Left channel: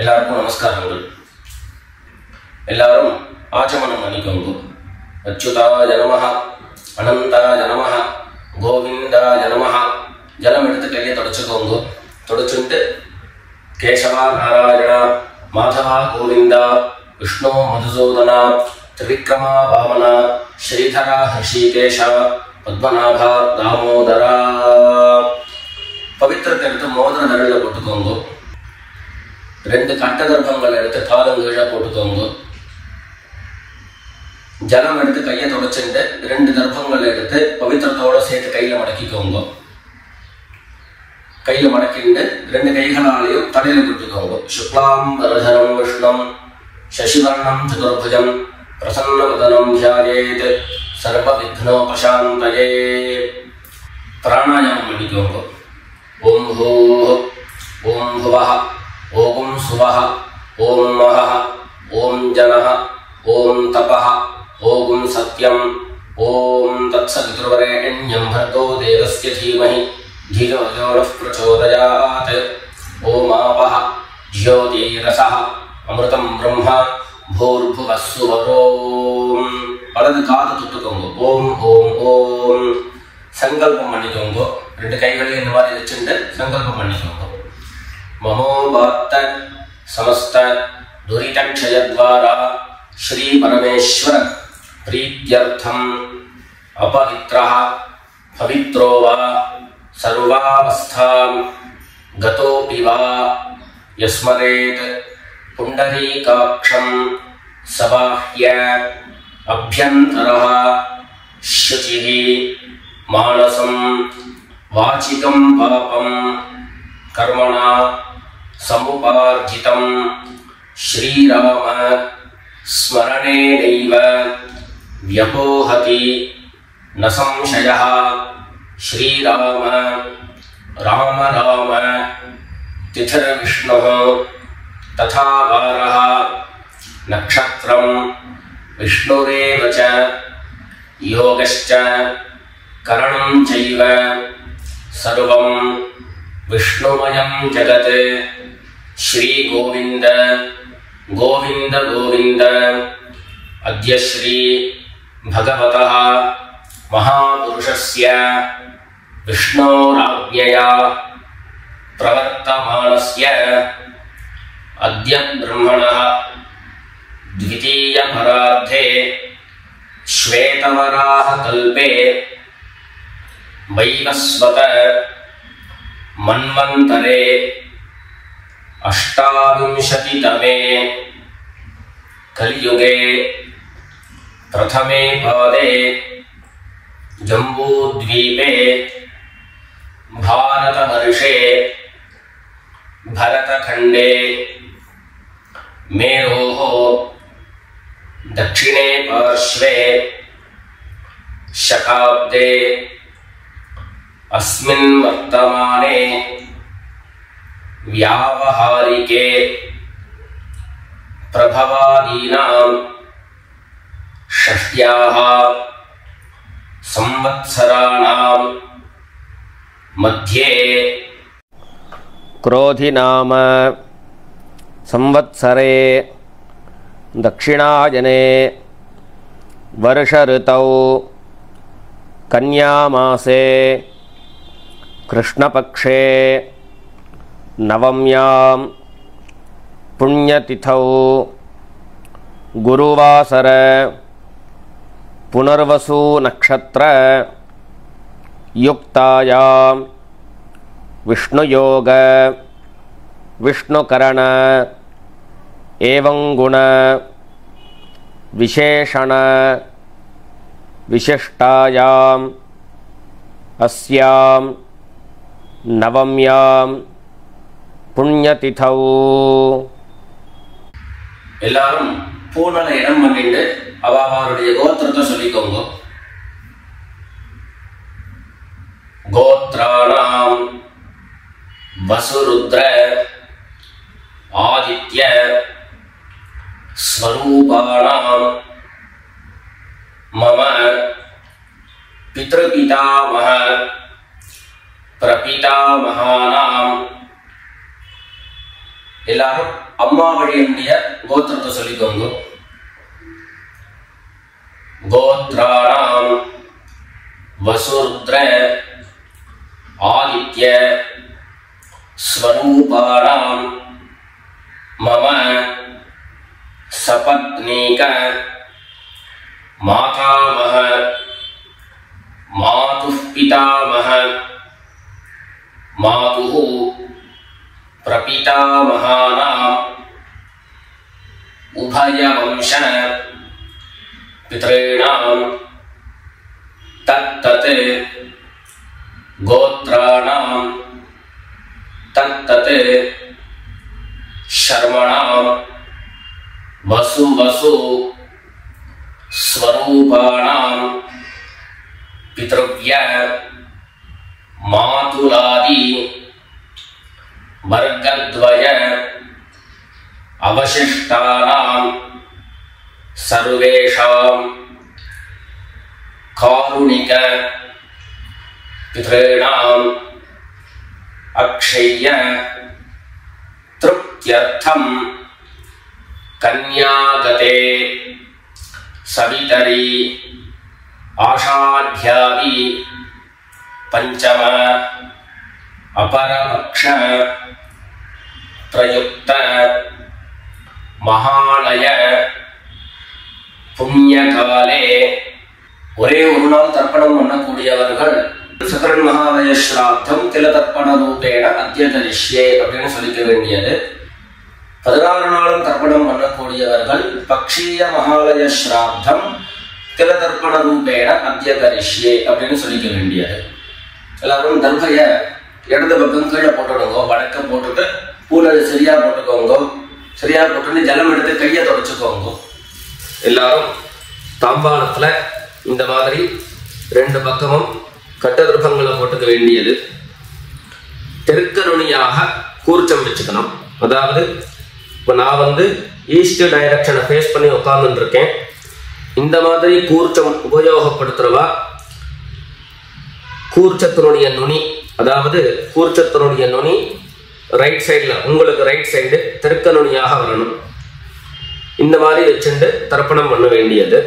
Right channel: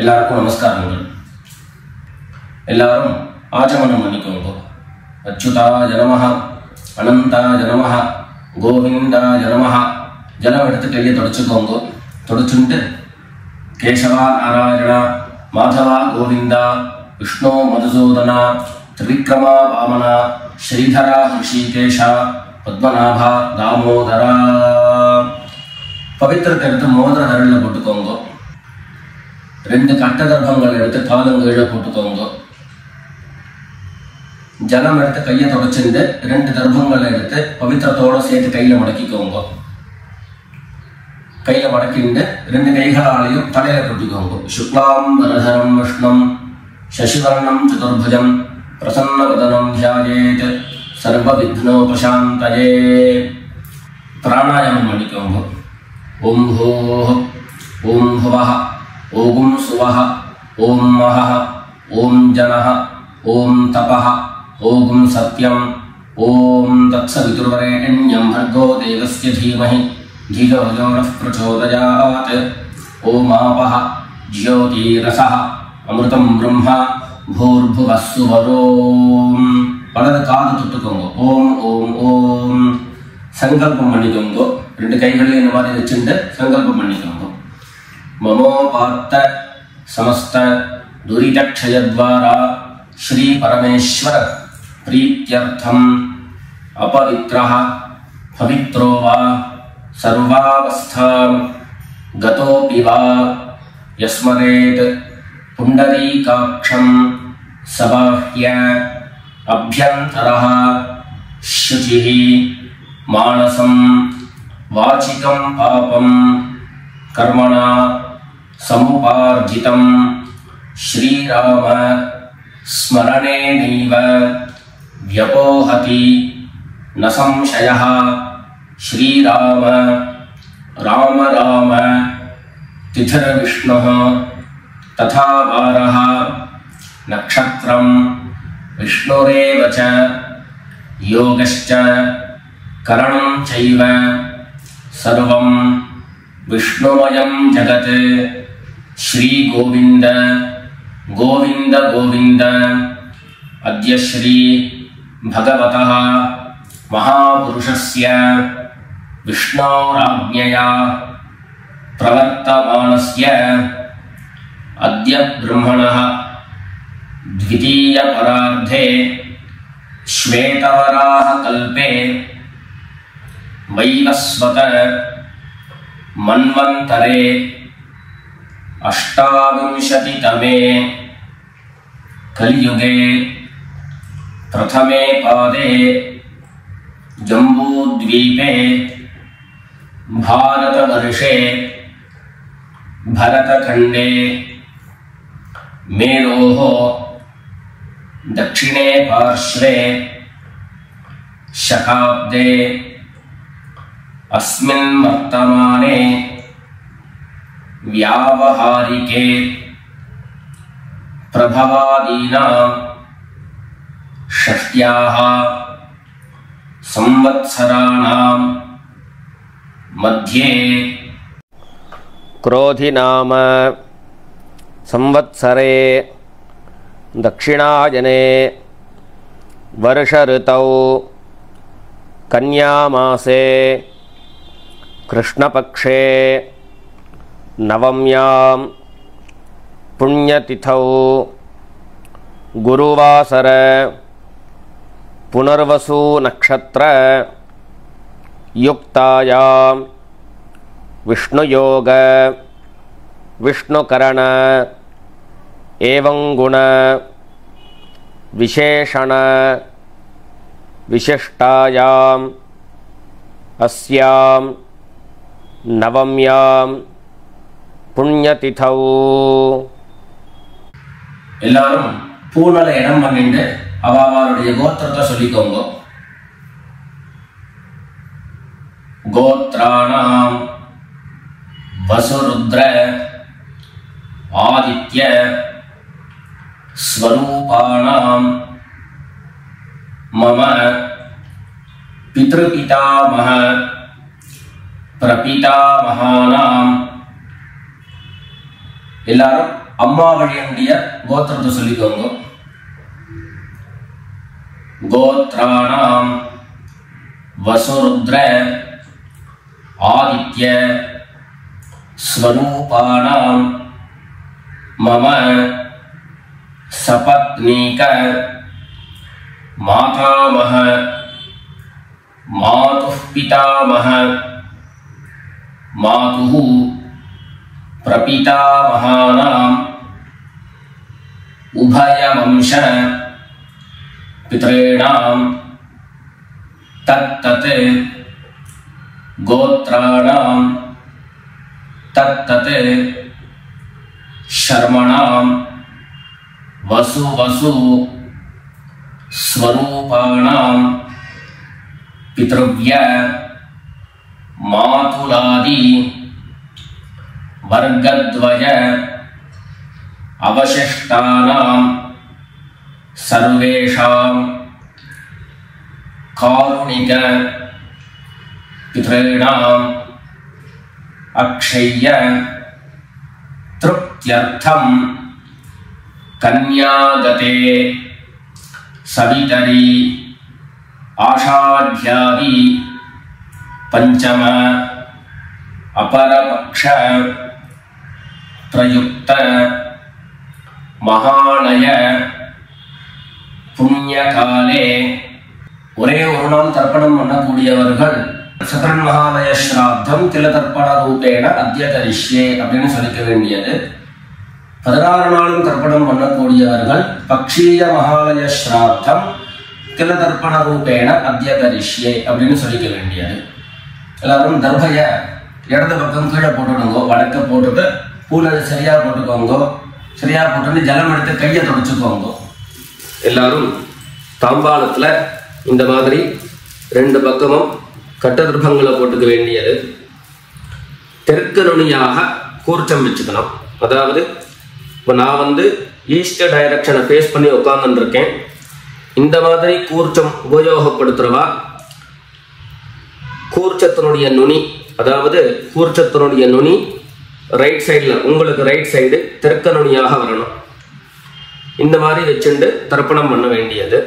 எல்லாருக்கும் நமஸ்காரங்கள். எல்லாரும் ஆச்சமனம் பண்ணிக்கோங்க. அச்சுதாய நமஹ, அனந்தாய நமஹ, கோவிந்தாய நமஹ. ஜலம் எடுத்து கையை தொடச்சுக்கோங்க. தொடச்சுட்டு கேசவா நாராயணா, மாதவா கோவிந்தா, விஷ்ணு மதுசூதனா, திரிவிக்ரமா வாமனா, ஸ்ரீதரா ஹிருஷிகேஷா, பத்மநாபா தாமோதரா. பவித்திரத்தை எடுத்து மோதிர விரலில் போட்டுக்கோங்க. 2 கட்ட கர்ப்பங்கள் எடுத்து காலங்கீழ போட்டுக்கோங்க. ஜலம் எடுத்து கையை தொடச்சுட்டு 2 கர்ப்பங்கள் எடுத்து பவித்திரத்தோட சேர்த்து கையில மடக்கிக்கோங்க. கையில மடக்கிண்டு 2 கைகளாலையும் தலையில கொடுத்துக்கோங்க. சுக்லாம் வரதரம் விஷ்ணம் சசிவர்ணம் சதுர்புஜம் பிரசன்னவதனம் தியாயேத் சர்வ விக்னோபசாந்தயே. பிராணாயாமம் பண்ணிக்கோங்க. ஓம் ஹோஹ், ஓம் ஹுவஹ, ஓம் சுவஹ, ஓம் மஹஹ, ஓம் ஜனஹ, ஓம் தபஹ, ஓம் சத்யம், ஓம் தத்சவிதுர்வரேண்யம் भर्गो देवस्य धीमहि धियो यो नः प्रचोदयात्. ஓம் ஆபஹ ஜ்யோதிரஸஹ அமிர்தம் பிரம்ம பூர்புவः சுவரோம். வலது காது தொட்டுக்கோங்க. ஓம் ஓம் ஓம். சங்கல்பம் பண்ணிக்கோங்க. 2 கைகளையும் இந்த மாதிரி வச்சுட்டு சங்கல்பம் பண்ணிக்கோங்க. மமோபாத்த சமஸ்த துரிதக்ஷயத்வாரா ஸ்ரீ பரமேஸ்வர பிரீத்யர்த்தம் அபவித்ரஹ பவித்ரோ வா சர்வாவஸ்தாம் கதோபி வா யஸ்மரேத் புண்டரீகாக்ஷம் சபாஹ்ய அப்யந்தரஹ சுசிஹி மானசம் வாசிகம் பாபம் கர்மணா சமுபார்ஜிதம் ஸ்ரீராம ஸ்மரணேனைவ வ்யபோஹதி ந சம்சயः. ஸ்ரீராம ராம ராம திதிர்விஷ்ணுः ததா வாரः நக்ஷத்ரம் விஷ்ணுரேவ ச யோகஸ்ச கரணம் சைவ சர்வம் விஷ்ணுமயம் ஜகத். ஸ்ரீ கோவிந்த கோவிந்த கோவிந்த. அத்ய ஸ்ரீ பகவதः மகாபுருஷஸ்ய விஷ்ணோராஜ்ஞயா பிரவர்த்தமானஸ்ய அத்ய பிரம்மணः த்விதீய பரார்த்தே ஸ்வேதவராஹ கல்பே வைவஸ்வத மன்வந்தரே அஷ்டாவிம்சதிதமே கலியுகே பிரதமே பாதே ஜம்பூத்வீபே பாரதவர்ஷே பரதகண்டே மேரோः दक्षिणे पार्श्वे शकाब्दे अस्मिन् वर्तमाने व्यावहारिके प्रभवादीनां षष्ट्याः संवत्सराणां मध्ये क्रोधिनाम संवत्सरे दक्षिणायने वर्षऋतौ कन्यामासे कृष्णपक्षे नवम्यां पुण्यतिथौ गुरुवासर पुनर्वसु नक्षत्र युक्तायां विष्णुयोग विष्णुकरण एवं गुण विशेषण विशिष्टायां अस्यां नवम्यां पुण्यतिथौ. எல்லாரும் பூனல இடம் பண்ணிட்டு அவளுடைய கோத்திரத்தை சொல்லிக்கோங்க. கோத்ராணாம் வசுருத்ர ஆதித்ய ஸ்வரூபாணாம் மம பித்ருபிதாமஹ பிரபிதாமஹானாம் எல்லாரும் அம்மா வழியினுடைய கோத்திரத்தை சொல்லிக்கோங்க. கோத்ராணாம் வசுருத்ர ஆதித்ய ஸ்வரூபாணாம் மம சபத்னீக மாதாமஹ மாதுः பிதாமஹ மாதுः பிரபிதாமகானாம் உபயவம்ச பித்ரேணாம் தத்தத் கோத்ராணாம் தத்தத் சர்மணாம் வசு வசு ஸ்வரூபாணாம் பித்ருவ்ய மாதுலாதி வர்க்கத்வய அவசிஷ்டானாம் சர்வேஷாம் காருணிக பித்ரேணாம் அக்ஷய்ய திருப்த்யர்த்தம் கன்யாகதே சவிதரி ஆஷாட்யாதி பஞ்சம அபரபக்ஷ பிரயுக்த மகாலய புண்ணியகாலே ஒரே ஒரு நாள் தர்ப்பணம் பண்ணக்கூடியவர்கள் சத்ரன் மகாலய ஸ்ராத்தம் தில தர்ப்பண ரூபேண அத்ய கரிஷ்யே அப்படின்னு சொல்லிக்க வேண்டியது. 16 நாளும் தர்ப்பணம் பண்ணக்கூடியவர்கள் பக்ஷீய மகாலய ஸ்ராத்தம் தில தர்ப்பண ரூபேண அத்ய கரிஷ்யே அப்படின்னு சொல்லிக்க வேண்டியது. எல்லாரும் தர்பைய இடது பக்கம் கீழே போட்டுடுங்க, வடக்க போட்டுட்டு பூனை சரியா போட்டுக்கோங்க. சரியா போட்டு ஜலம் எடுத்து கையை தொடச்சுக்கோங்க. எல்லாரும் தாம்பாளத்துல இந்த மாதிரி 2 பக்கமும் கட்ட திருப்பங்களை போட்டுக்க வேண்டியது. தெற்கு நுனியாக கூர்ச்சம் வச்சுக்கணும். அதாவது இப்போ நான் ஈஸ்ட் டைரக்ஷனை ஃபேஸ் பண்ணி உட்கார்ந்துட்டு இருக்கேன். இந்த மாதிரி கூர்ச்சம் உபயோகப்படுத்துறவா கூர்ச்சத்தினுடைய நுனி, அதாவது கூர்ச்சத்தினுடைய நுனி ரைட் சைடில், உங்களுக்கு ரைட் சைடு தெற்கு நுனியாக வரணும். இந்த மாதிரி வச்சுட்டு தர்ப்பணம் பண்ண வேண்டியது.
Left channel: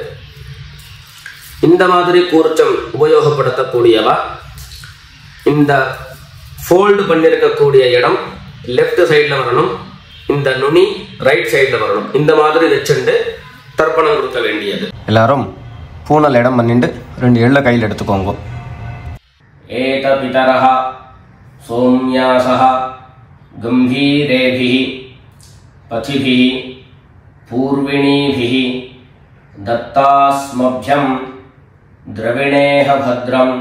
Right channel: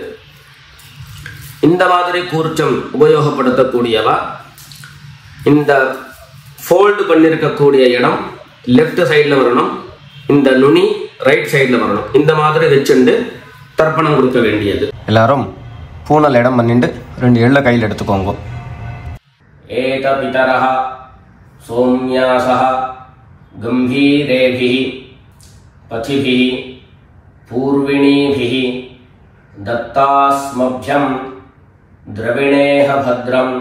இந்த மாதிரி கூர்ச்சம் உபயோகப்படுத்தக்கூடியவா இந்த ஃபோல்டு பண்ணியிருக்கக்கூடிய இடம் லெஃப்ட் சைடில் வரணும், இந்த நுனி ரைட் சைடில் வரணும். இந்த மாதிரி வச்சுட்டு தர்ப்பணம் கொடுக்க வேண்டியது. எல்லாரும் பூனல் இடம் பண்ணிட்டு 2 எள்ள கையில் எடுத்துக்கோங்க. ஏத பிதரஹ சோம்யாசஹ கம்பீரேபிஹி பதிபிஹி பூர்விணீபிஹி தத்தாஸ்மப்யம் द्रविणेह भद्रं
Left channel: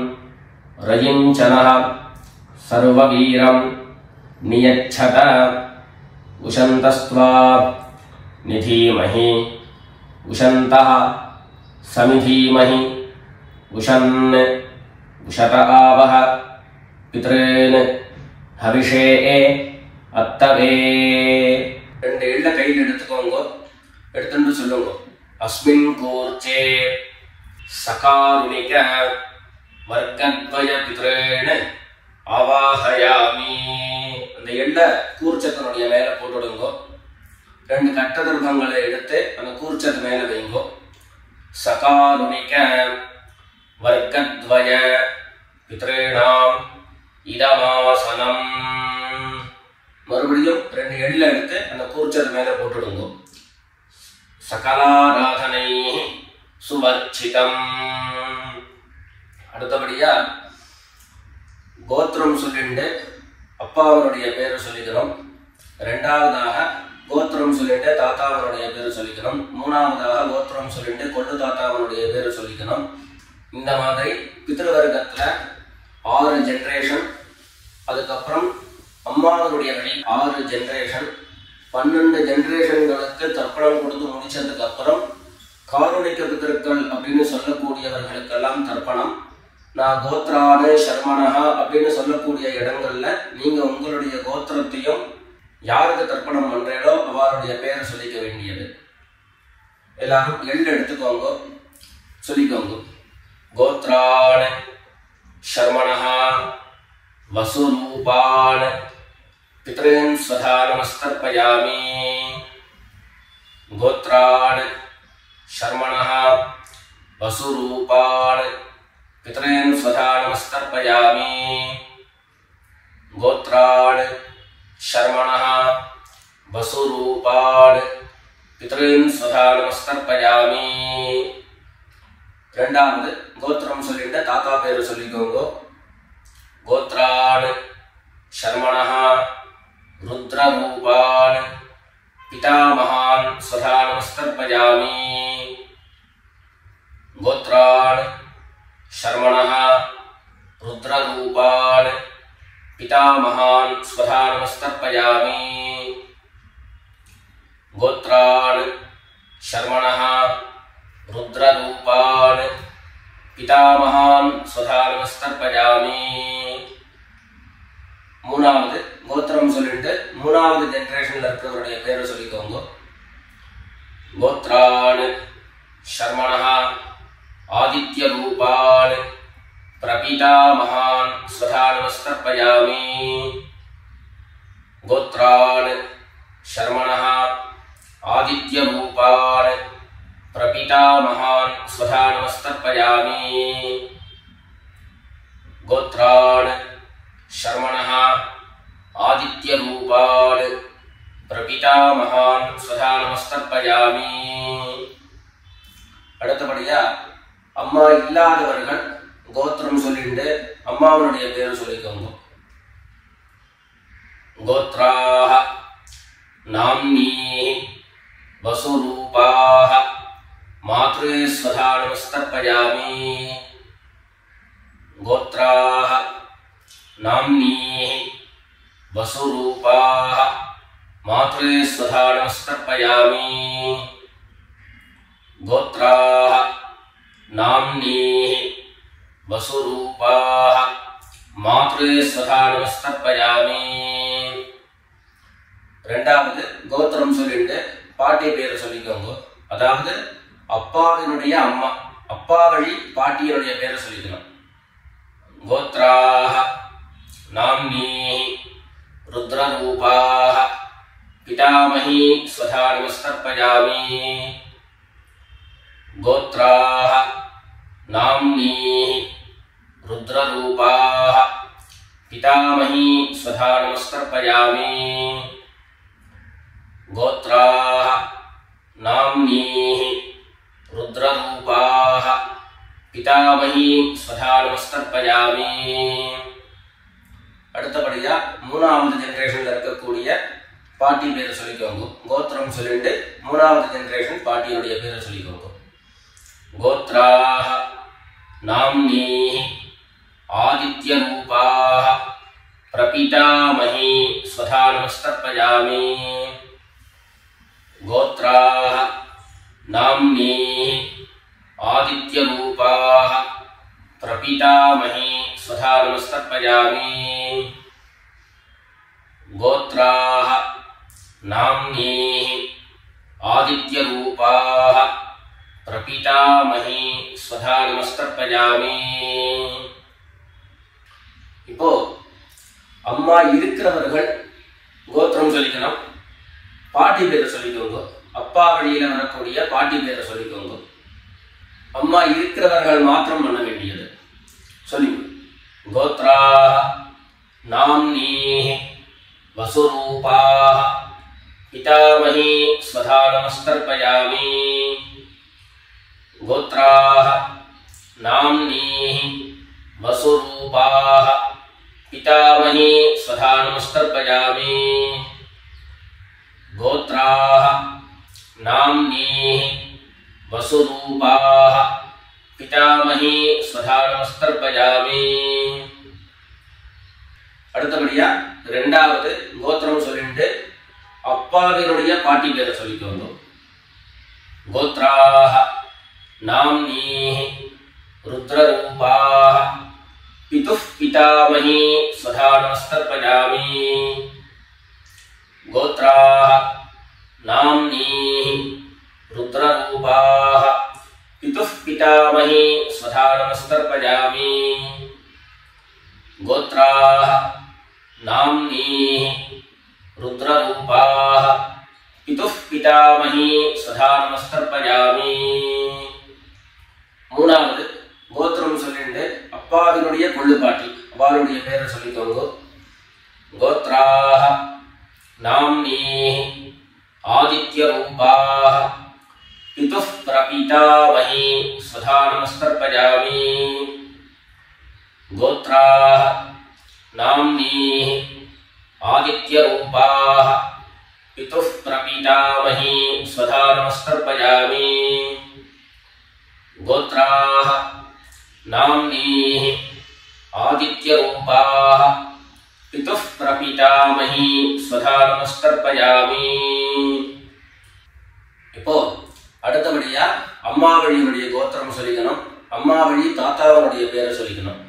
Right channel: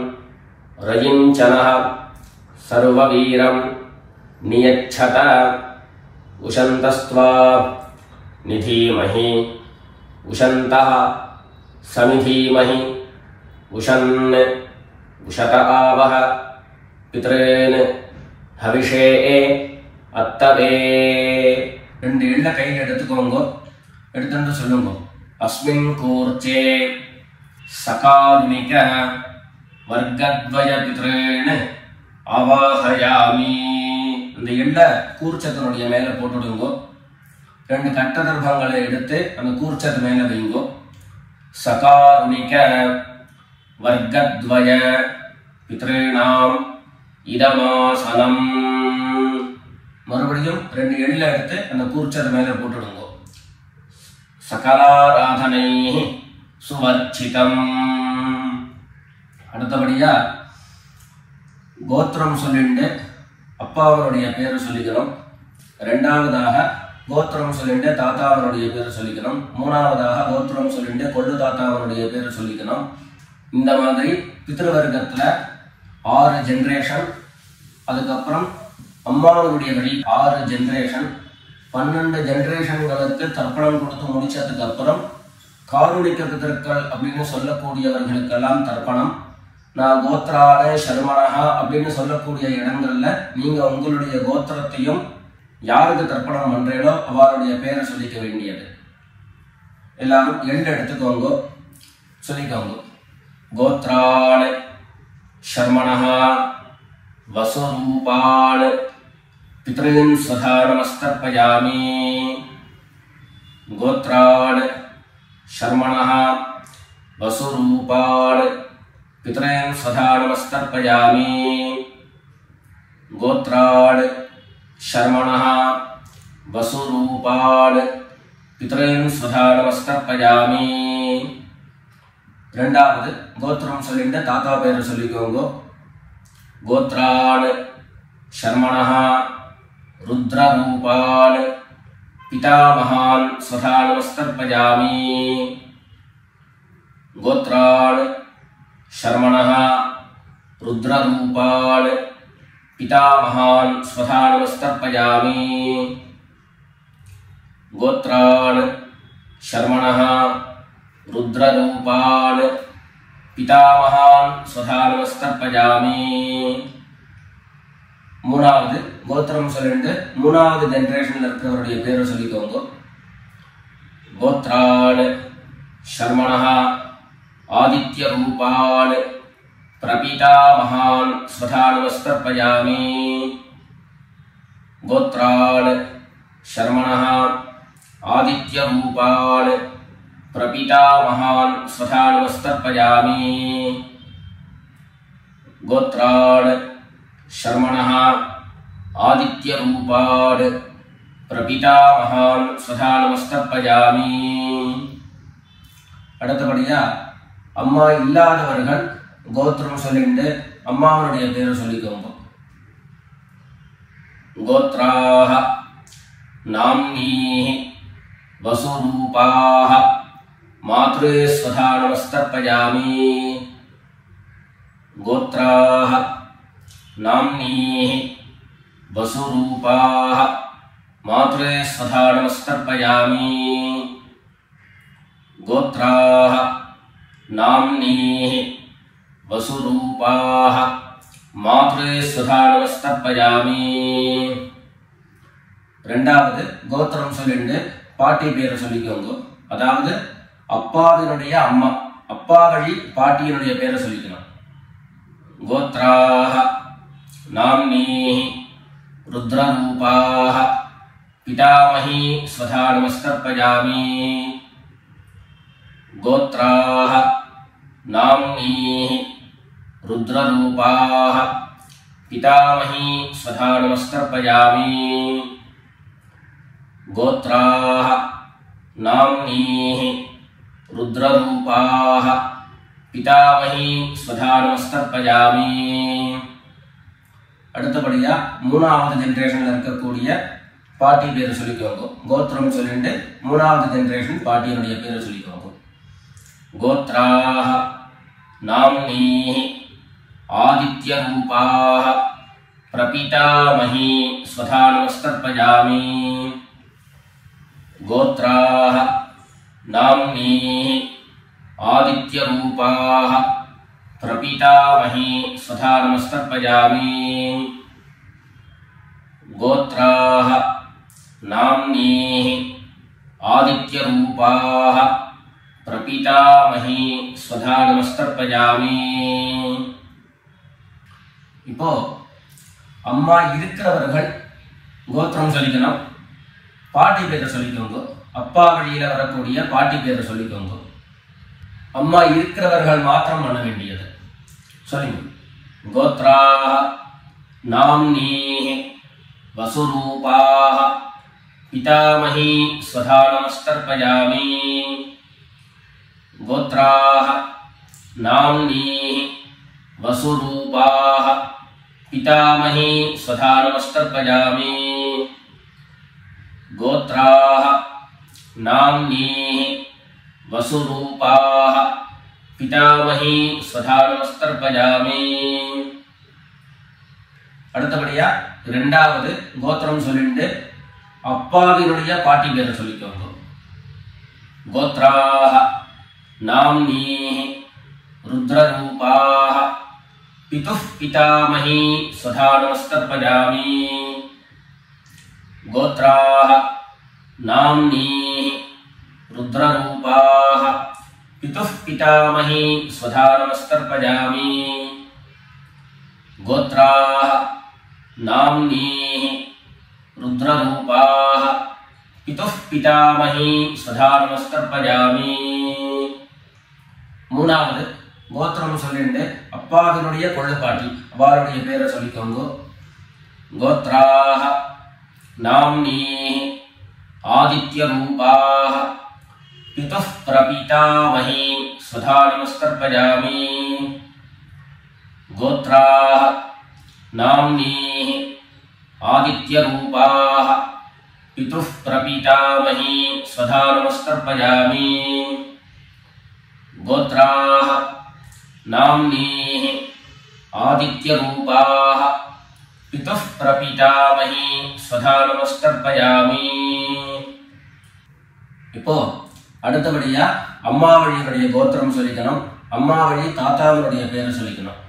रयिञ्चनः सर्ववीरं नियच्छत उशन्तस्त्वा निधीमहि उशन्तः समिधीमहि उशन् उशत आवह पितॄन् हविषे अत्तवे. 2 எள்ள கையில் எடுத்துக்கோங்க. எடுத்துட்டு சொல்லுங்க. अस्मिन् कूर्चे சகாருணிக வர்க்கத்வய பித்ரேண அவாஹயாமி. அந்த எள்ள கூர்ச்சத்தினுடைய மேல போட்டுடுங்க. 2 கட்ட தர்ப்பங்களை எடுத்து அந்த கூர்ச்சத்து மேல வைங்கோ. சகாருணிக வர்க்கத்வய பித்ரேணாம் இதமாசனம். மறுபடியும் 2 எள்ள எடுத்து அந்த கூர்ச்சத்து மேல போட்டுடுங்க. சகலாராதனை சுவர்ச்சிதம். அடுத்தபடியா கோத்திரம் சொல்லிண்டு அப்பாவனுடைய பேர் சொல்லிக்கணும். 2வதாக கோத்திரம் சொல்லிட்டு தாத்தாவனுடைய பேர் சொல்லிக்கணும். 3வதாக கோத்திரம் சொல்லிட்டு கொள்ளு தாத்தாவனுடைய பேர் சொல்லிக்கணும். இந்த மாதிரி பித்ருவர்க்கத்துல 6 ஜெனரேஷன், அதுக்கப்புறம் அம்மாவனுடைய வழி 6 ஜெனரேஷன், 12 ஜெனரேஷன்களுக்கு தர்ப்பணம் கொடுத்து முடிச்சதுக்கு அப்புறம் காருணிக பிதர்கள் அப்படின்னு சொல்லக்கூடியவர்களுக்கெல்லாம் தர்ப்பணம். நான் கோத்ரான சர்மணஹா அப்படின்னு சொல்லக்கூடிய இடங்கள்ல நீங்க உங்களுடைய கோத்திரத்தையும் யாருக்கு தர்ப்பணம் பண்றீங்களோ அவருடைய பேரை சொல்லிக்க வேண்டியது. எல்லாரும் எள்ளு எடுத்துக்கோங்க, சொல்லிக்கோங்க. கோத்ரான சர்மணஹா வசுரூபான் पितॄन् स्वधा नमस्तर्पयामि गोत्रान् शर्मणः वसुरूपान् पितॄन् स्वधा नमस्तर्पयामि गोत्रान् शर्मणः वसुरूपान् पितॄन् स्वधा नमस्तर्पयामि ரெண்டாவது கோத்திரம் சொல்லிட்டு தாத்தா பேரு சொல்லிக்கோங்க கோத்ரான் शर्मणः रुद्ररूपान् पितामहान् स्वधा नमस्तर्पयामि गोत्रान् शर्मणः रुद्ररूपान् पितामहान् स्वधा नमस्तर्पयामि गोत्रान् शर्मणः रुद्ररूपान् पितामहान् स्वधा नमस्तर्पयामि மூணாவது கோத்திரம் சொல்லிட்டு மூணாவது ஜெனரேஷன்ல இருக்கிறவருடைய பேரை சொல்லிக்கோங்க கோத்ரான் शर्मणः आदित्य रूपान् प्रपितामहान् स्वधा नमस्तर्पयामि गोत्रान् शर्मणः आदित्य रूपान् प्रपितामहान् स्वधा नमस्तर्पयामि गोत्रान् शर्मणः आदित्य रूपान् प्रपितामहान् स्वधा नमस्तर्पयामि அடுத்தபடியா அம்மா இல்லாதவர்கள் கோத்திரம் சொல்லிட்டு அம்மாவுடைய பேரு சொல்லிக்கோங்க கோத்ராஹ நாம்னீஹி வசுரூபாஹ மாத்ரே ஸ்வதா நமஸ்தர்ப்பயாமி கோத்ராஹ नाम्नीः वसुरूपाः मात्रे स्वधा नमस्तर्पयामि गोत्राः नाम्नीः वसुरूपाः मात्रे स्वधा नमस्तर्पयामि ரெண்டாவது கோத்திரம் சொல்லிட்டு பாட்டி பேரை சொல்லிக்கோங்க அதாவது அப்பாவினுடைய அம்மா அப்பா வழி பாட்டியினுடைய பேரை சொல்லிக்கணும் கோத்ராஹ नाम्नीः रुद्ररूपाः पितामही स्वधा नमस्तर्पयामि गोत्राः नाम्नीः रुद्ररूपाः पितामही स्वधा नमस्तर्पयामि गोत्राः नाम्नीः रुद्ररूपाः पितामही स्वधा नमस्तर्पयामि அடுத்தபடியா மூணாவது ஜெனரேஷன்ல இருக்கக்கூடிய பாட்டி பேரை சொல்லிக்கோங்க கோத்திரம் சொல்லிட்டு மூணாவது ஜெனரேஷன் பாட்டியினுடைய பேரை சொல்லிக்கோங்க கோத்ராஹ நாம்னீஹி ஆதித்ய ரூபாஹ பிரபிதாமஹி ஸ்வதா நமஸ்தர்ப்பயாமி கோத்ராஹ நாம்னீஹி ஆதித்ய ரூபாஹ प्रपितामही स्वधा नमस्तर्पयामि गोत्राः नाम्नीः आदित्यरूपाः प्रपितामही स्वधा नमस्तर्पयामि இப்போ அம்மா இருக்கிறவர்கள் கோத்திரம் சொல்லிக்கணும் பாட்டி பேரை சொல்லிக்கோங்க அப்பா வழியில வரக்கூடிய பாட்டி பேரை சொல்லிக்கோங்க அம்மா இருக்கிறவர்கள் மாத்திரம் பண்ண வேண்டியது சொல்லுங்க கோத்ராஹ நாம்னீஹி வசுரூபாஹ பிதாமஹி ஸ்வதா நமஸ்தர்ப்பயாமி கோத்ராஹ நாம்னீஹி வசுரூபாஹ பிதாமஹி ஸ்வதா நமஸ்தர்ப்பயாமி கோத்ராஹ நாம்னீஹி वसुरूपाः पितामही स्वधा नमस्तर्पयामि அடுத்தபடியா இரண்டாவது கோத்திரம் சொல்லிட்டு அப்பாவினுடைய பாட்டி பேரை சொல்லிக்கோங்க கோத்ராஹ நாம்னீஹி रुद्ररूपाः पितुः पितामही स्वधा नमस्तर्पयामि गोत्राः नाम्नीः रुद्ररूपाः पितुः पितामही स्वधा नमस्तर्पयामि गोत्राः नाम्नीः रुद्ररूपाः पितुः पितामही सदा नमस्कर्पयामि. மூணாவது கோத்திரம் சொல்லிட்டு அப்பாவினுடைய கொள்ளுப்பாட்டி அவளுடைய பேரை சொல்லிக்கோங்க. கோத்ராஹ நாம்னீஹி ஆதித்யரூபாஹ பிதுः பிரபிதாமஹி சதா நமஸ்கர்ப்பயாமி. கோத்ராஹ நாம்னீஹி ஆதித்யரூபாஹ पितुः प्रपितामही सदा नमस्कर्पयामि. गोत्राः नाम्नीः आदित्यरूपाः पितुः प्रपितामही सदा नमस्कर्पयामि. இப்போ அடுத்தபடியா அம்மா வழியினுடைய கோத்திரம் சொல்லிக்கணும். அம்மா வழி தாத்தாவனுடைய பேரை சொல்லிக்கணும்.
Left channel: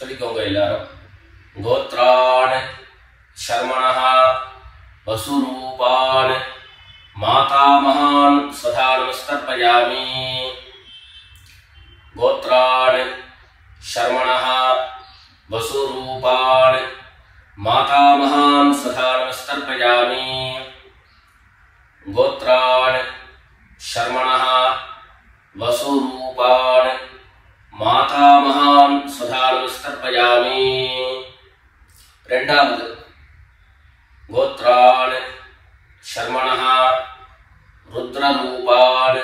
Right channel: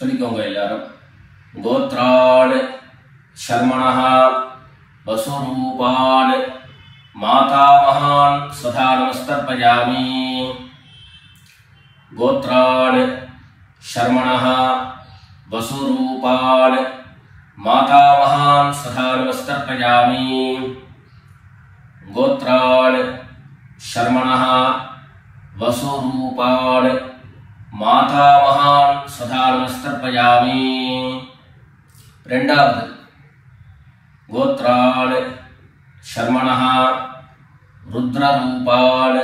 சொல்லிக்கோங்க எல்லாரும். கோத்ரான் शर्मणः वसुरूपान् मातामहान् सदा नमस्कर्पयामि. गोत्रान् शर्मणः वसुरूपान् मातामहान् सदा नमस्कर्पयामि. गोत्रान् शर्मणः वसुरूपान् मातामहान् सदा नमस्कर्पयामि. ரெண்டாவது गोत्रान् शर्मणः रुद्ररूपान्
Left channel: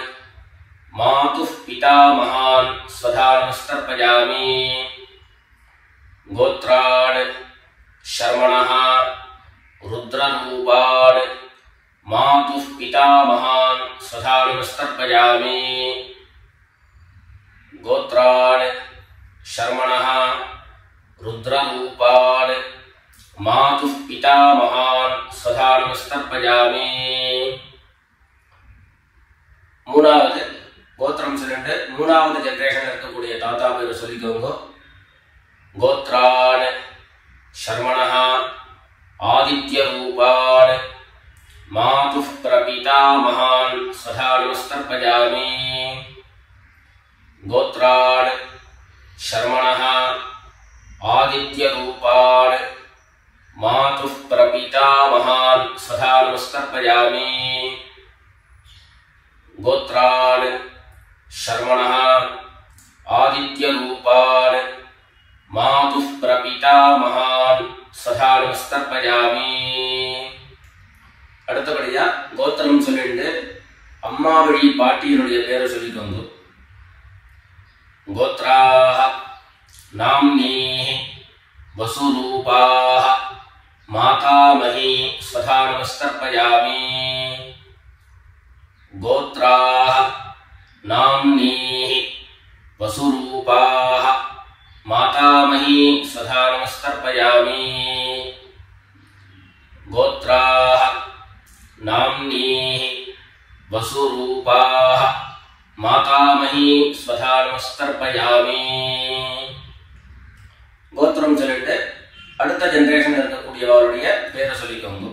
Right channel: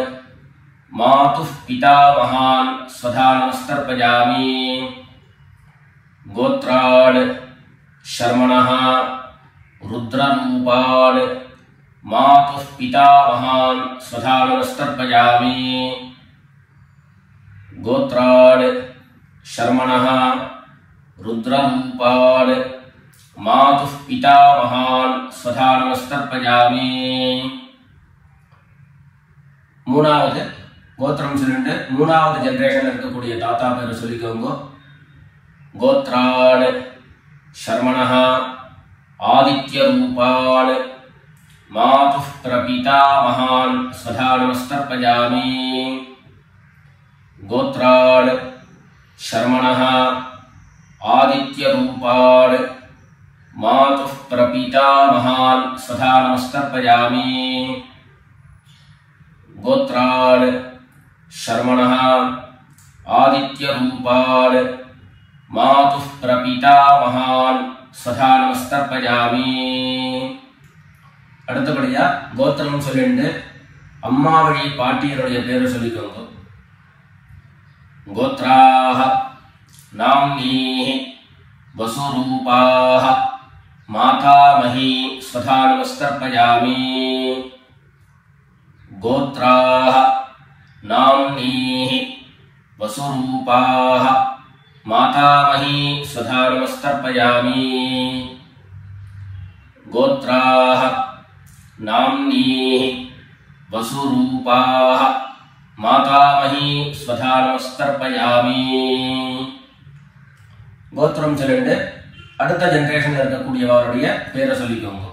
मातुः पितामहान् सदा नमस्कर्पयामि. गोत्रान् शर्मणः रुद्ररूपान् मातुः पितामहान् सदा नमस्कर्पयामि. गोत्रान् शर्मणः रुद्ररूपान् मातुः पितामहान् सदा नमस्कर्पयामि. மூணாவது கோத்திரம் சொல்லிட்டு மூணாவது ஜெனரேஷன்ல இருக்கக்கூடிய தாத்தா பேரை சொல்லிக்கோங்க. கோத்ரான் शर्मणः आदित्यरूपान् मातुः प्रपितामहान् सदा नमस्कर्पयामि. गोत्रान् शर्मणः आदित्यरूपान् मातुः प्रपितामहान् सदा नमस्कर्पयामि. गोत्रान् शर्मणः आदित्यरूपान् मातुः प्रपितामहान् सदा नमस्कर्पयामि. அடுத்தபடியா கோத்திரம் சொல்லிட்டு அம்மா வழி பாட்டியினுடைய பேரை சொல்லிக்கோங்க. गोत्राः नाम्नीः वसुरूपाः मातामही सदा नमस्कर्पयामि. गोत्राः नाम्नीः वसुरूपाः मातामही सदा नमस्कर्पयामि. गोत्राः नाम्नीः वसुरूपाः मातामही सदा नमस्कर्पयामि. கோத்திரம் சொல்லிட்டு அடுத்த ஜெனரேஷன் இருக்கக்கூடியவருடைய பேரை சொல்லிக்கோங்க.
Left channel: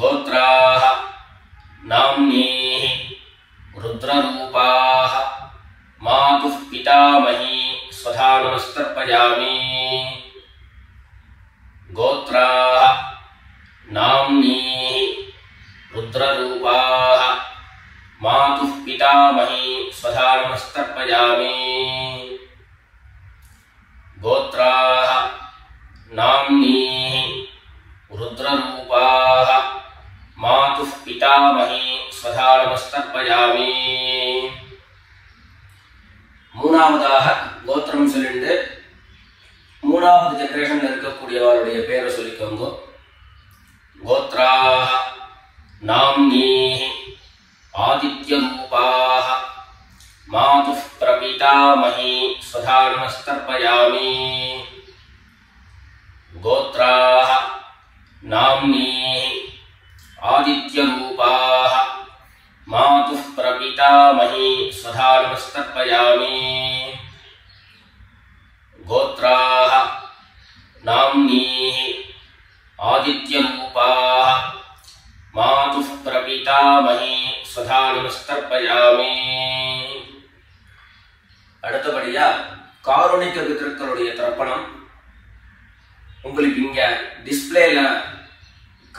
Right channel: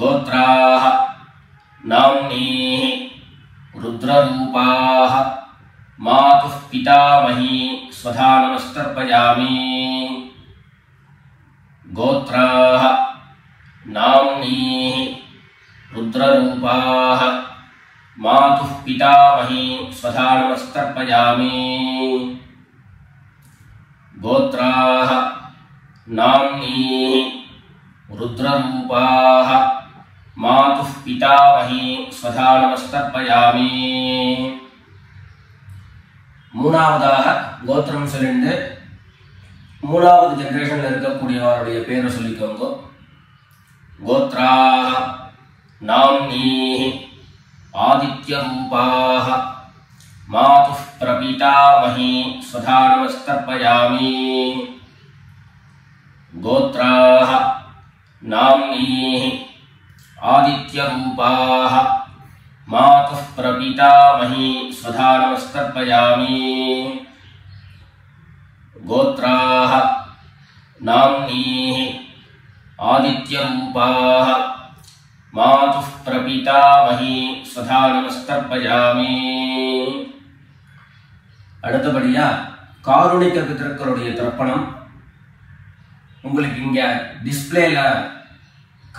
கோத்ராஹ நாம்னீஹி रुद्ररूपाः मातुः पितामही सदा नमस्कर्पयामि. गोत्राः नाम्नीः रुद्ररूपाः मातुः पितामही सदा नमस्कर्पयामि. गोत्राः नाम्नीः रुद्ररूपाः मातुः पितामही सदा नमस्कर्पयामि. மூணாவதாக கோத்திரம் சொல்லிட்டு மூணாவது ஜெனரேஷன்ல இருக்கக்கூடியவருடைய பேரை சொல்லிக்கோங்க. கோத்ராஹ நாம்னீஹி आदित्यरूपाः मातुः प्रपितामही सदा नमस्कर्पयामि. गोत्राः नाम्नीः आदित्यरूपाः मातुः प्रपितामही सदा नमस्कर्पयामि. गोत्राः नाम्नीः आदित्यरूपाः मातुः प्रपितामही सदा नमस्कर्पयामि. அடுத்தபடியா காருணிக பிதர்களுடைய தர்ப்பணம் உங்களுக்கு இங்க டிஸ்பிளேல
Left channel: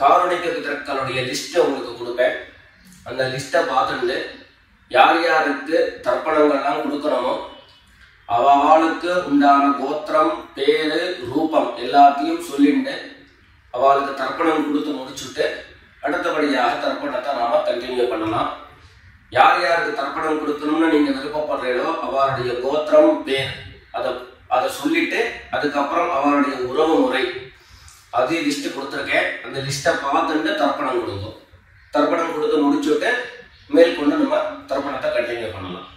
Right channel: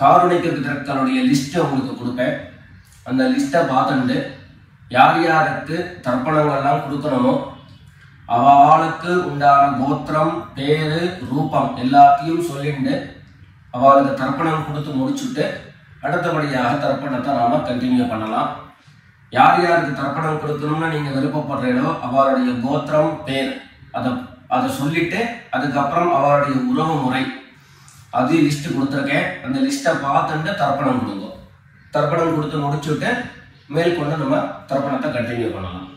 காருணிக பித்ருக்களுடைய லிஸ்ட் உங்களுக்கு கொடுப்பேன். அந்த லிஸ்ட்டை பார்த்துட்டு யார் யாருக்கு தர்ப்பணங்கள்லாம் கொடுக்கணுமோ அவளுக்கு உண்டான கோத்திரம், பேரு, ரூபம் எல்லாத்தையும் சொல்லிட்டு அவளுக்கு தர்ப்பணம் கொடுத்து முடிச்சுட்டு அடுத்தபடியாக தர்ப்பணத்தை நாம கண்டினியூ பண்ணலாம். யார் யாருக்கு தர்ப்பணம் கொடுக்கணும்னு நீங்க விருப்பப்படுறீங்களோ அவளுடைய கோத்திரம், பேர் அதை சொல்லிட்டு அதுக்கப்புறம் அவளுடைய உறவு முறை அது லிஸ்ட் கொடுத்துருக்கேன். அந்த லிஸ்ட்டை பார்த்துட்டு தர்ப்பணம் கொடுங்க. தர்ப்பணம் கொடுத்து முடிச்சுட்டு மேற்கொண்டு நம்ம தர்ப்பணத்தை கண்டினியூ பண்ணலாம்.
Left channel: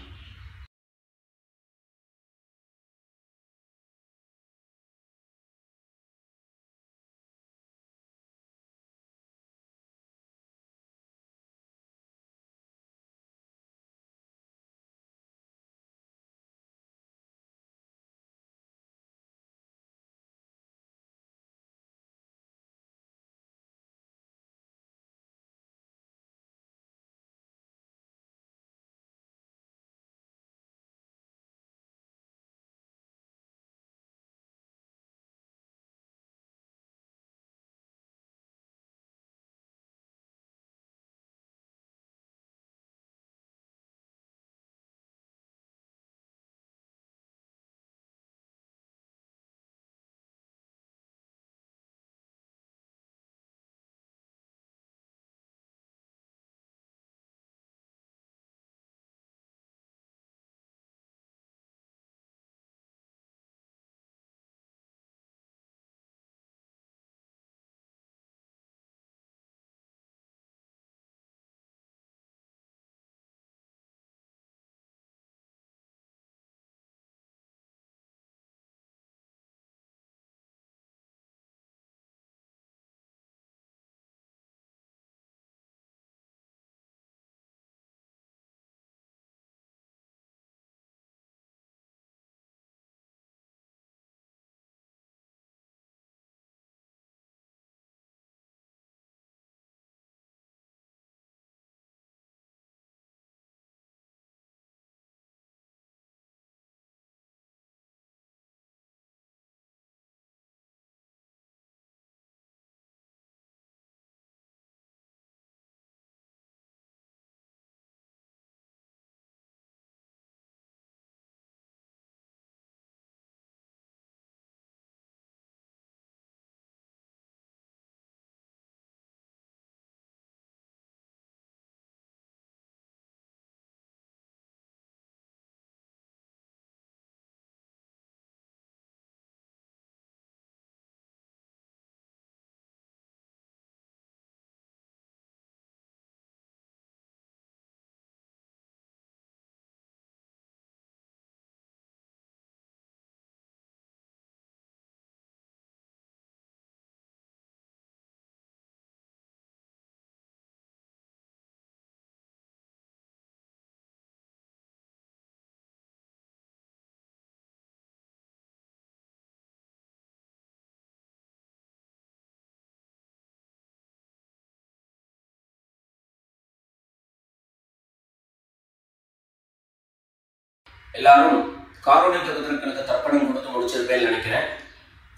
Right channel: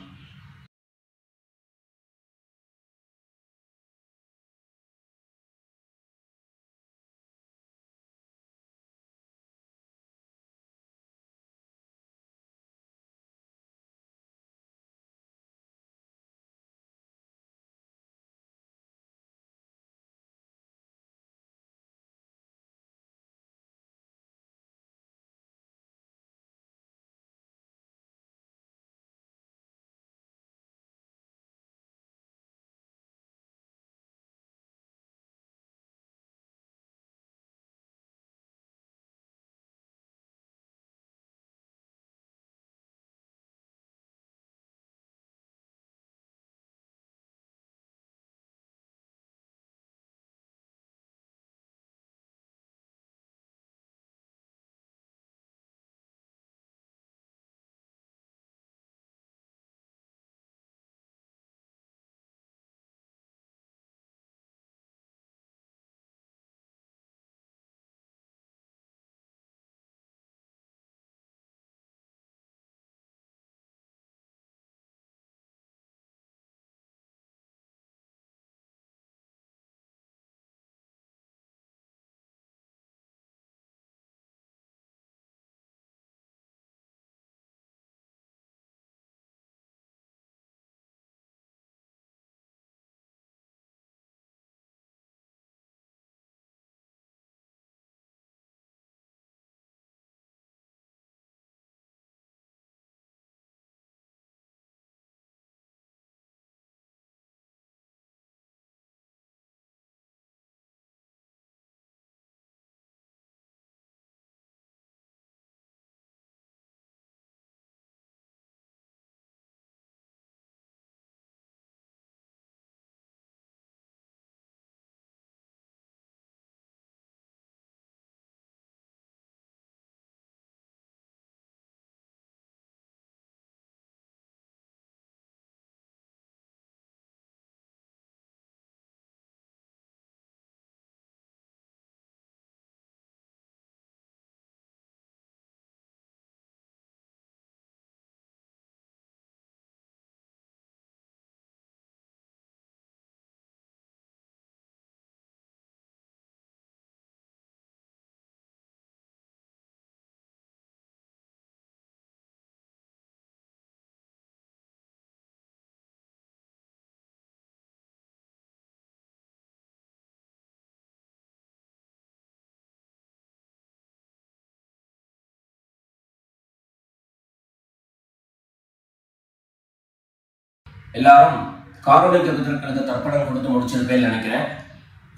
எல்லாரும் காருணிக பித்ருக்களுக்கு தர்ப்பணம் கொடுத்து முடிச்சிருப்பேன்னு நினைக்கிறேன்.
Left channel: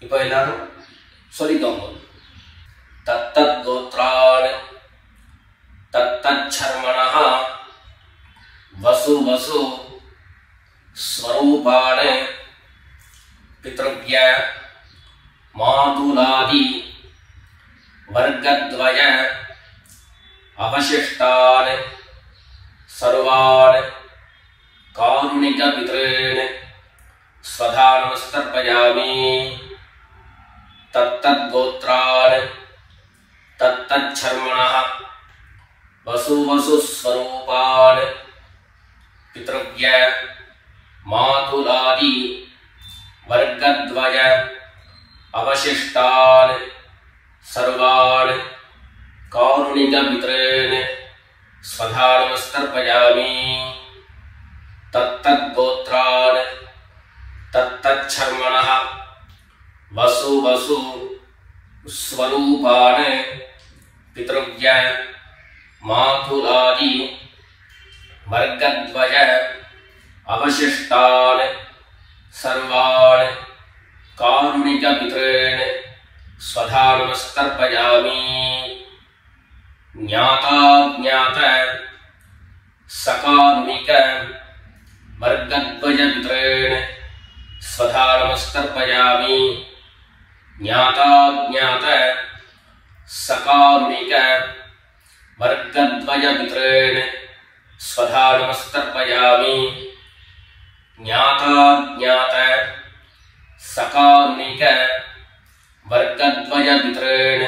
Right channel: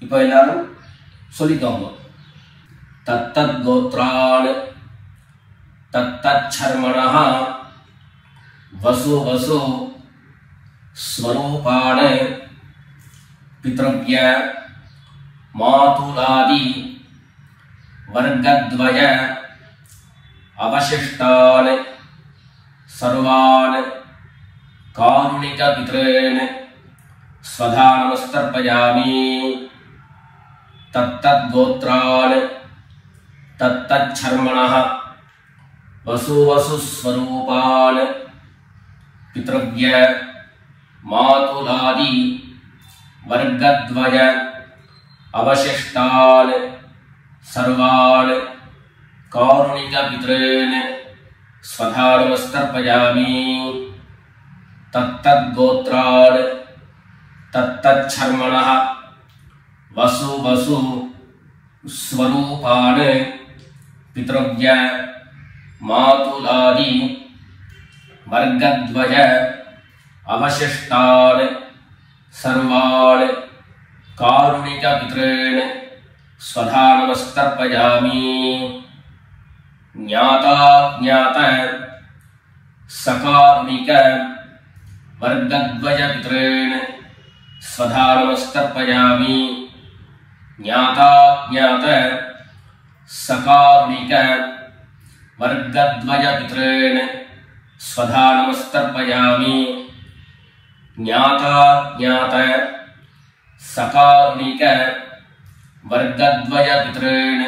இப்போ எல்லாரும் சொல்லிக்கோங்க. தத்தத் கோத்ரான் தத்தத் சர்மணः வசு வசு ஸ்வரூபான் பித்ருவ்ய மாதுலாதி வர்க்கத்வய அவசிஷ்டான் சர்வான் காருணிக பித்ரேன் ஸ்வதா நமஸ்தர்ப்பயாமி. தத்தத் கோத்ரான் தத்தத் சர்மணः வசு வசு ஸ்வரூபான் பித்ருவ்ய மாதுலாதி வர்க்கத்வய அவசிஷ்டான் சர்வான் காருணிக பித்ரேன் ஸ்வதா நமஸ்தர்ப்பயாமி. தத்தத் கோத்ரான் தத்தத் சர்மணः வசு வசு ஸ்வரூபான் பித்ருவ்ய மாதுலாதி வர்க்கத்வய அவசிஷ்டான் சர்வான் காருணிக பித்ரேன் स्वधा नमस्तर्पयामि ज्ञाता ज्ञात सकारुणिक वर्गद्वय पितॄन् स्वधा नमस्तर्पयामि ज्ञाता ज्ञात सकारुणिक वर्गद्वय पितॄन् स्वधा नमस्तर्पयामि ज्ञाता ज्ञात सकारुणिक वर्गद्वय पितॄन्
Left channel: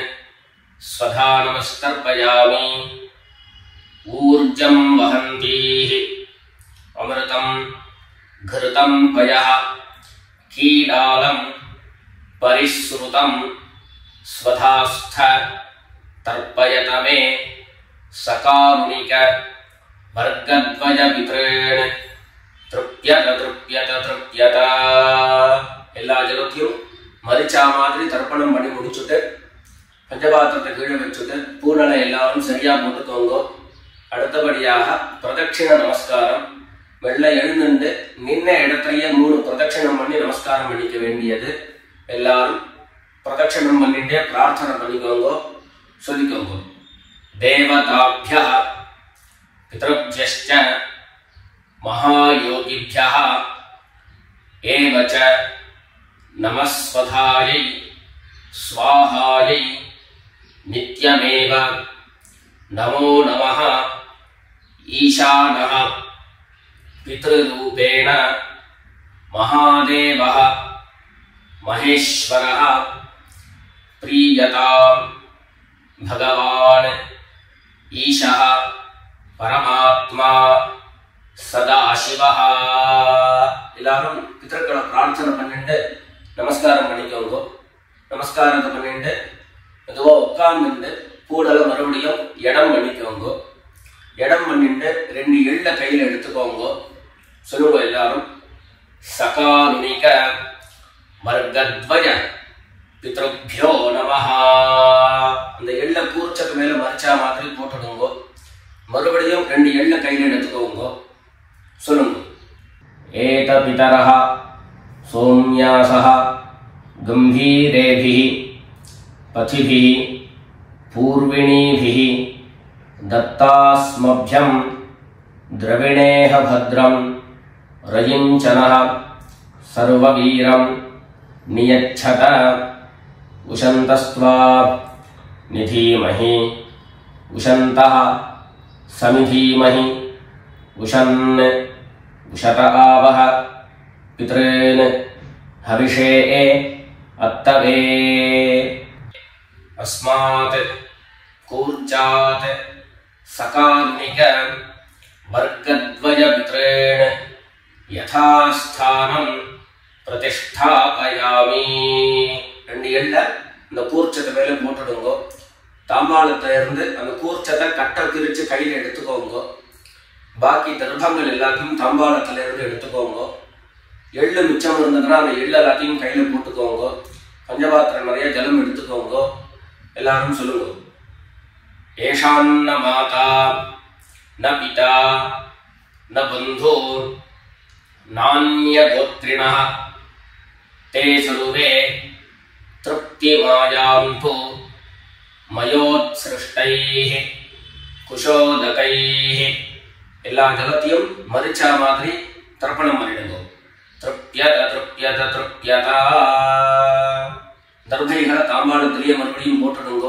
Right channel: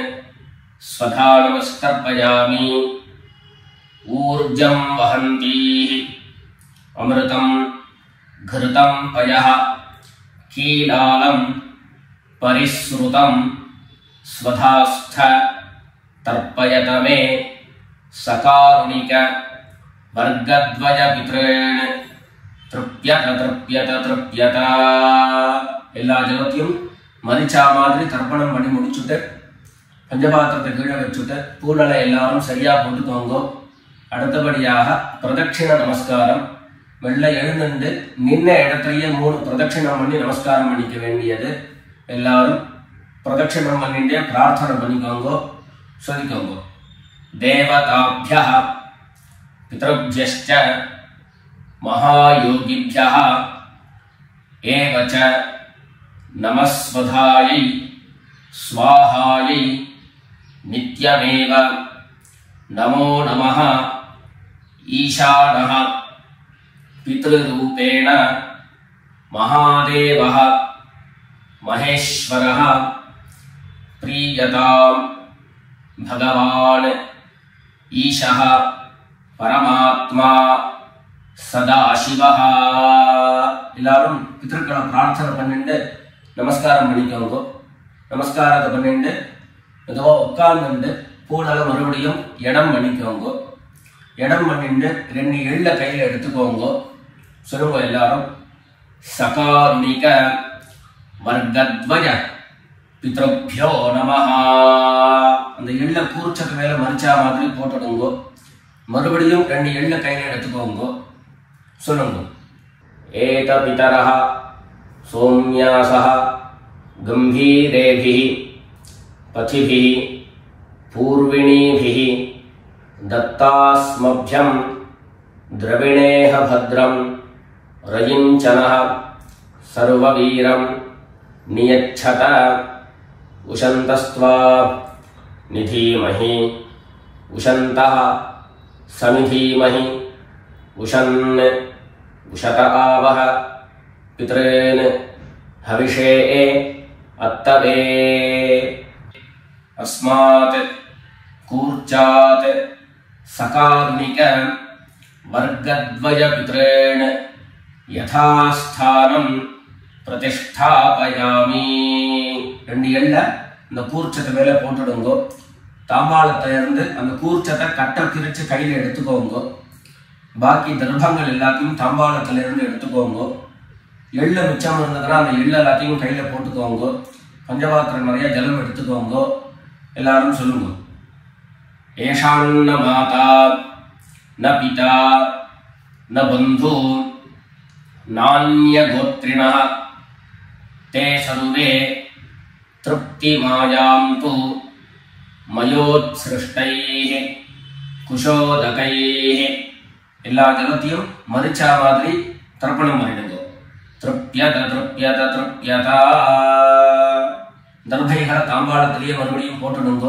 स्वधा नमस्तर्पयामि ऊर्जं वहन्तीः अमृतं घृतं पयः कीलालं परिसृतं स्वधास्थ तर्पयत मे सकारुणिक वर्गद्वय पितॄन् तृप्यत तृप्यत तृप्यत எல்லா ஜலத்தையும் மரிச்சா மாதிரி தர்ப்பணம் பண்ணி முடிச்சுட்டு பஞ்சபாத்திரத்தை கீழே வச்சுட்டு பூனலை எல்லாரும் சரியா போட்டுக்கோங்க. அடுத்தபடியாக பிரதட்சிண நமஸ்காரம். வெள்ளை எழுந்துண்டு நின்ன இடத்தையே 3 பிரதட்சிணம் பண்ணி நமஸ்காரம் பண்ணிக்க வேண்டியது. எல்லாரும் பிரதட்சிணம் பண்ணிட்டே பிரார்த்தனை பண்ணிக்கோங்க, சொல்லிக்கோங்க. தேவதாभ्यः பித்ருभ्यश्च महायोगिभ्यः एव च नमस्वधायै स्वाहायै नित्यमेव नमो नमः ईशानः पितृरूपेण महादेवः महेश्वरः प्रीयतां भगवान् ईशः परमात्मा सदाशिवः. எல்லாரும் பித்ருக்களை பிரார்த்தனை பண்ணிட்டு நமஸ்காரம் பண்ணிக்கோங்க. நமஸ்காரத்தை பண்ணிட்டு மெதுவா உட்கார்ந்துட்டு பூனலை மறுபடியும் இடம் பண்ணிக்கோங்க. இடம் பண்ணிட்டு 2 எள்ள கையில எடுத்துக்கோங்க. சொல்லுங்க எல்லாரும். சகாருணிக வர்கத்வய பித்ருभ्यो நமஹ. அந்த எள்ள கூர்ச்சத்து மேல மரிச்சா மாதிரி போட்டுடுங்க. மறுபடியும் 2 எள்ள கையில எடுத்துக்கோங்க. சொல்லுங்க. ஏத பிதரஹ சோம்யாசஹ கம்பீரேபிஹி பதிபிஹி பூர்விணீபிஹி दत्तास्मभ्यं द्रविणेह भद्रं रयिञ्चनः सर्ववीरं नियच्छत उशन्तस्त्वा निधीमहि उशन्तः समिधीमहि उशन् उशत आवह पितॄन् हविषे अत्तवे. अस्मात् कूर्चात् सकारुणिक वर्गद्वय पितॄन् यथास्थानं प्रतिष्ठापयामि. 2 எள்ள இந்த கூர்ச்சத்தை மேல போட்டுடுங்க. தாம்பாளத்தை இருந்து அந்த கூர்ச்சத்தை கட்ட பிரிச்சு கையில எடுத்துக்கோங்க. பாக்கி தர்ப்பங்கள் எல்லாத்தையும் தாம்பாளத்துல இருந்து எடுத்துக்கோங்க. எள்ளு மிச்சம் இருந்ததுன்னா அந்த எள்ளு எல்லாத்தையும் கையில போட்டுக்கோங்க. பஞ்சபாத்திரம் நிறைய ஜலம் எடுத்துக்கோங்க. எல்லாரும் சொல்லுங்க. ஏஷாन्न மாதா न पिता न बन्धु नान्यगोत्रिणः ते सर्वे तृप्तिमायान्तु मयोत्सृष्टैः कुशोदकैः. எல்லா ஜலத்தையும் மரிச்சா மாதிரி தர்ப்பணம் பண்ணிடுங்க. திருப்யத திருப்யத திருப்யதா. தர்பைகளை தாம்பாளத்திலேயே மறுபடியும் போட்டுடுங்க.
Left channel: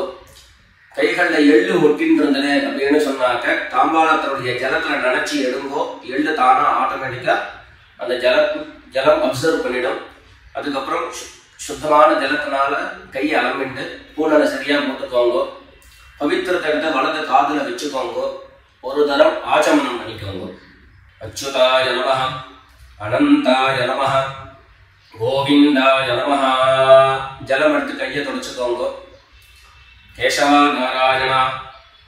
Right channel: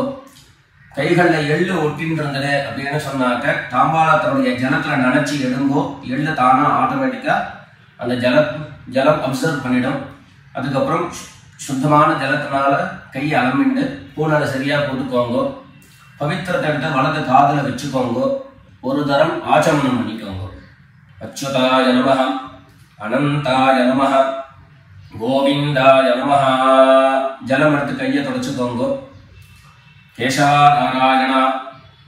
கைகள்ல எள்ளு ஒட்டின்னு இருந்தது அப்படின்னு சொன்னாக்க தாம்பாளத்தினுடைய ஜலத்துல நினைச்சு எடுங்கோ. எள்ளு தானா ஆட்டோமேட்டிக்கா அந்த ஜலம் அப்சர்வ் பண்ணிடும். அதுக்கப்புறம் சுத்தமான ஜலத்தினால கையை அலம்பிண்டு பூனலை சரியா போட்டுக்கோங்க. பவித்திரத்தை எடுத்து வலது காதுல வச்சுக்கோங்க. ஒரு தரம் ஆச்சமனம் பண்ணிக்கோங்க. அச்சுதாய நமஹ அனந்தாய நமஹ கோவிந்தாய நமஹ. ஜலம் எடுத்து கையை தொடச்சுக்கோங்க. கேசவா நாராயண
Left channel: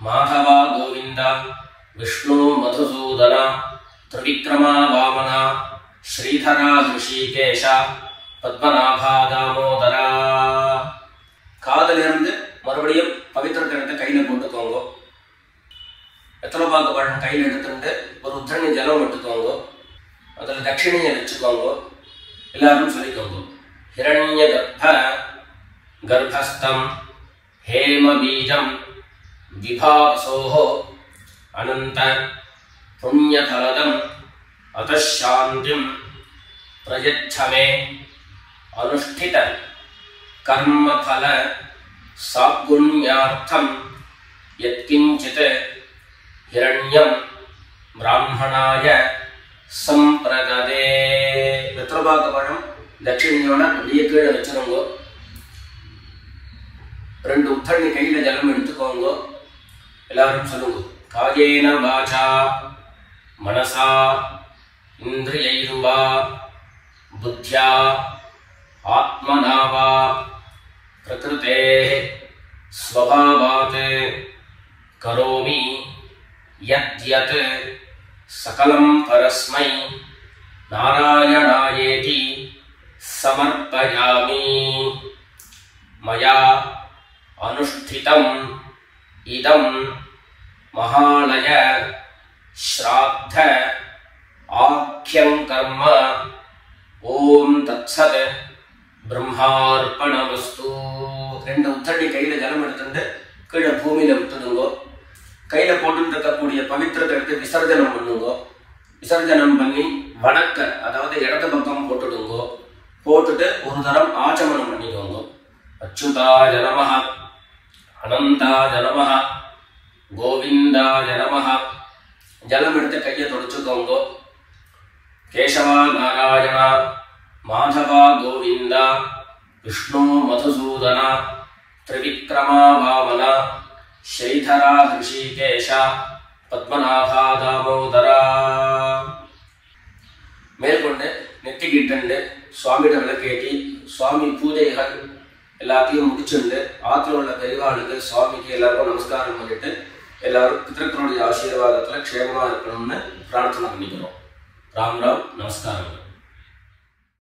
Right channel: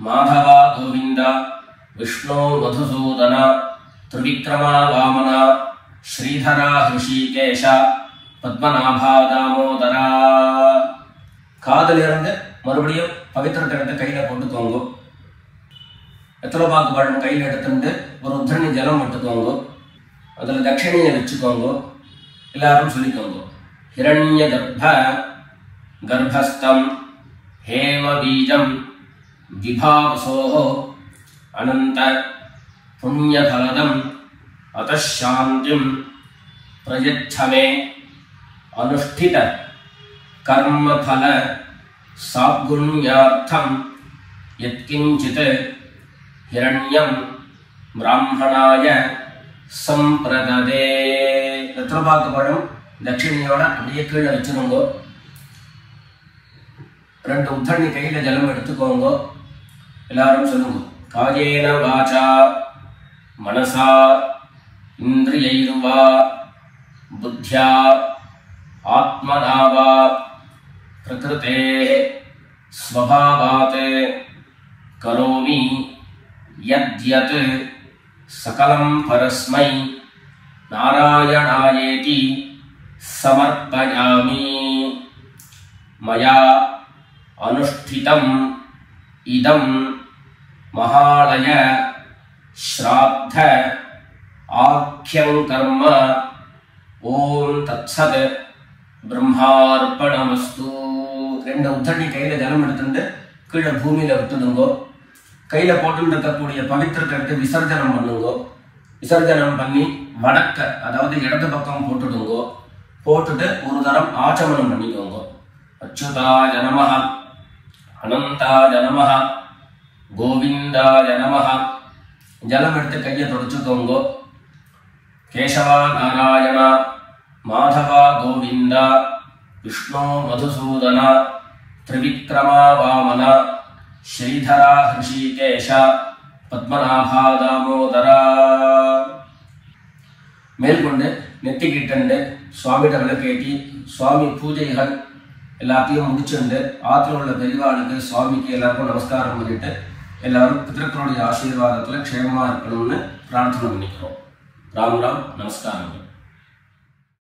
மாதவா கோவிந்த விஷ்ணு மதுசூதன திரிவிக்ரமா வாமன ஸ்ரீதரா ஹிருஷிகேஷ பத்மநாபா தாமோதரா. காதிலிருந்து மறுபடியும் பவித்திரத்தை எடுத்து கையில போட்டுக்கோங்க. வெத்தலைப்பாக்கு பழம் கையில் எடுத்துட்டு ஒரு உத்தரணி ஜலம் எடுத்துக்கோங்க. அதுல தட்சிணையை வச்சுக்கோங்க. எல்லாரும் சொல்லிக்கோங்க. ஹிரண்ய கர்ப்ப गर्भस्थं हेमबीजं विभावसोः अनंत पुण्यफलदम् अतः शान्तिं प्रयच्छ मे अनुष्ठित कर्मफल साद्गुण्यार्थं यत्किंचित् हिरण्यं ब्राह्मणाय संप्रददे. வெத்தலைபாக்கு தட்சிணையோட அப்படியே கீழே வச்சிருங்கோ. 2 உத்தண்ணி கையில ஜலம் எடுத்துக்கோங்க. எல்லாரும் சொல்லுங்க. காயேன வாசா மனசா இந்திரியைர்வா புத்யா ஆத்மனா வா பிரகிருதேஹ ஸ்வபாவாத் கரோமி யத்யத் சகலம் பரஸ்மை நாராயணாயேதி समर्पयामि. मया अनुष्ठितम् इदं महालय श्राद्ध आख्यं कर्म. ओम तत्सत् ब्रह्मार्पणमस्तु. 2 உத்தண்ணி கையில ஜலம் எடுத்துட்டு கீழே பூமியில விட்டுடுங்கோ. கையில போட்டுருக்கக்கூடிய பவித்திரத்தை எடுத்து விசர்ஜனம் பண்ணுங்கோ. விசர்ஜனம் பண்ணி வடக்க அதாவது இடது பக்கம் போட்டுடுங்கோ. போட்டுட்டு ஒரு தரம் ஆச்சமனம் பண்ணிக்கோங்க. அச்சுதாய நமஹ அனந்தாய நமஹ கோவிந்தாய நமஹ. ஜலம் எடுத்து கையை தொடச்சுக்கோங்க. கேசவா நாராயண மாதவா கோவிந்தா விஷ்ணு மதுசூதன திரிவிக்ரமா வாமன ஸ்ரீதரா ஹிருஷிகேஷ பத்மநாபா தாமோதரா. மேற்கொண்டு நெத்திக்கிட்டு சுவாமியிட விளக்கேற்றி சுவாமி பூஜைகள் எல்லாத்தையும் முடிச்சுண்டு ஆற்றுல உள்ள பெரியவாளுக்கு சுவாமிக்கு எல்லாருக்கும் நமஸ்காரம் பண்ணிட்டு எல்லாரும் பிதர்களுடைய ஆசீர்வாதத்தில் க்ஷேமமாக இருக்கணும்னு பிரார்த்தனை பண்ணிக்கிறோம். ராம் ராம். நமஸ்காரங்கள்.